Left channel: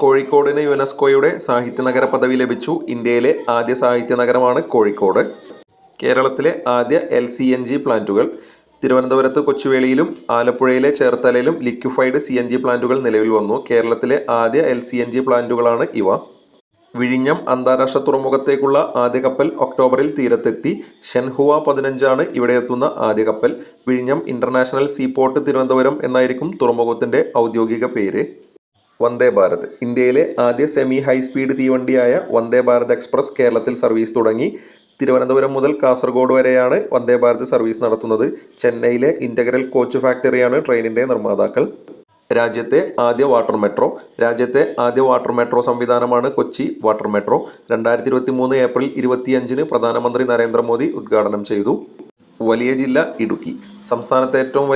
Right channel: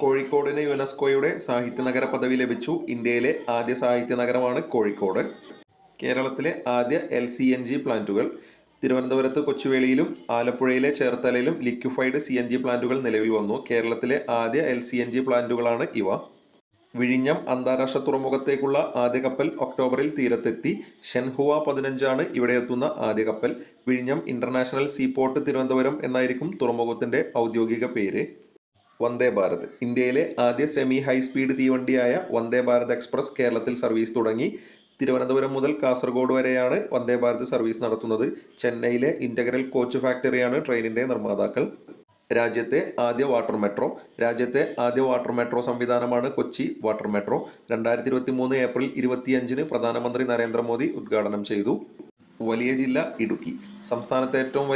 കോഴിക്കോടിന് യുനെസ്കോയുടെ സാഹിത്യനഗര പദവി ലഭിച്ചു. ഇന്ത്യയിലെ ആദ്യ സാഹിത്യനഗരമാണ് കോഴിക്കോട്. കേരളത്തിലെ ആദ്യ LCNG പ്ലാന്റുകൾ തിരുവനന്തപുരത്ത് കൊച്ചുവേളിയിലും ആലപ്പുഴയിലെ ചേർത്തലയിലും ലിക്വിഫൈഡ് CNG പ്ലാന്റുകൾ നിലവിൽ വന്നു. കേരളത്തിലെ ആദ്യ LCNG പ്ലാന്റുകളാണ് ഇവ. വിഴിഞ്ഞം അന്താരാഷ്ട്ര തുറമുഖത്തേക്കുള്ള ആദ്യ കപ്പൽ ഒക്ടോബറിൽ തീരത്തെത്തി. ഷെൻഹുവ 15 ആണ് ഇവിടെ എത്തുന്ന ആദ്യ കപ്പൽ. വിഴിഞ്ഞം ഇന്റർനാഷണൽ സീപോർട്ട് തിരുവനന്തപുരം എന്നായിരിക്കും തുറമുഖത്തിന്റെ ഔദ്യോഗിക പേര്. വന്ദേ ഭാരത് ഇന്ത്യയിലെ ആദ്യ semi high speed തീവണ്ടിയായ Vande Bharat express കേരളത്തിൽ സർവീസ് തുടങ്ങി. തിരുവനന്തപുരം മുതൽ കാസർഗോഡ് വരെയാണ് വന്ദേ ഭാരത് സർവീസ് നടത്തുന്നത്. ചെന്നൈയിലെ ഇന്റഗ്രൽ കോച്ച് ഫാക്ടറിയാണ് ട്രെയിനിന്റെ നിർമ്മാതാക്കൾ. രാജ്യത്തെ ആദ്യ വാട്ടർ മെട്രോ സംവിധാനമാണ് കൊച്ചി വാട്ടർ മെട്രോ. 2023 ഏപ്രിൽ 25-ന് പ്രധാനമന്ത്രി നരേന്ദ്രമോദി ഉദ്ഘാടനം ചെയ്തു. വലിയ ജില്ല ഇടുക്കി. സംസ്ഥാനത്തെ ഏറ്റവും